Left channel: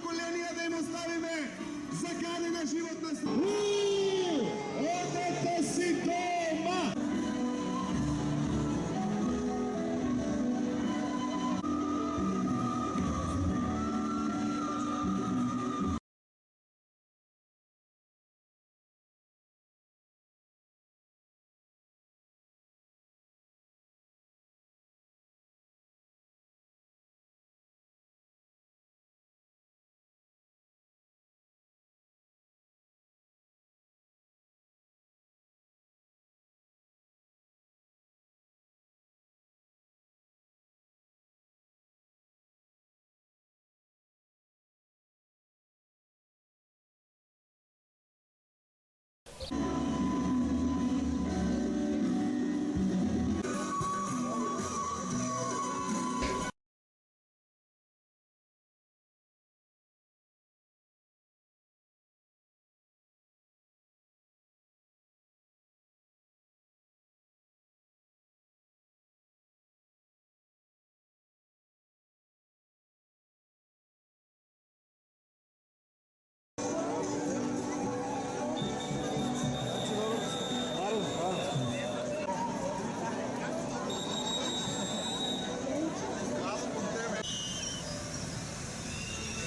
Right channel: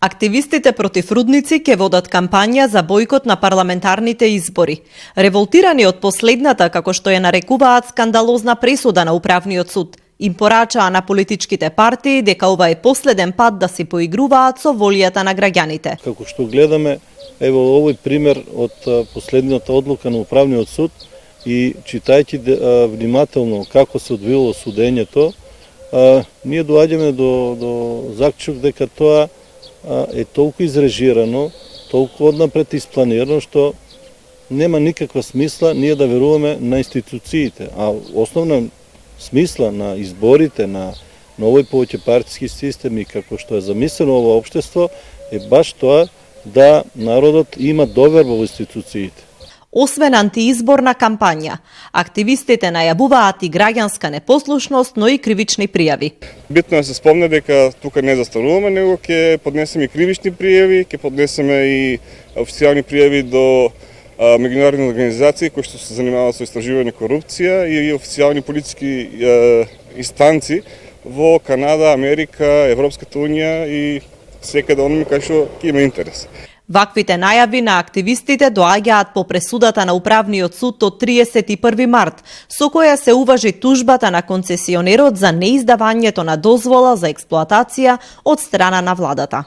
Активистите против рудници ќе водат кампања за бојкот на парламентарните избори. Револтирани од последната, како што ја нарекуваат, скандалозна пресуда на Управниот суд, им порачаа на политичките партии дека ова е последен пат да се поигруваат со волјата на граѓаните. Како што гледаме, ево овој пример од последната одлука на Управниот суд и читајќи внимателно како се одвило судењето, ние доаѓаме до заклучок дека тоа е толку изрежирано, толку однапред испланирано, што нема никаква смисла ние да веруваме на институциите. А основна смисла на изборите, на овој повеќе партиски систем и како што е замислено ово општество, е баш тоа да народот има доверба во институциите. Освен антиизборна кампања, активистите најавуваат и граѓанска непослушност, но и кривични пријави. Битно е да се спомне дека тука не застануваме, него ќе поднесеме и кривични пријави, ќе поднесеме и официјални пријави до меѓународни организации кои што се занимаваат со истражување корупција и официјални политички инстанци во Канада, Америка, Европската унија и секаде оние кај што ќе има интерес. Ваквите најави на активистите доаѓаат по пресудата на Управниот суд од 31 март, со која се уважи тужбата на концесионерот за неиздавањето на дозвола за експлоатација од страна на владата.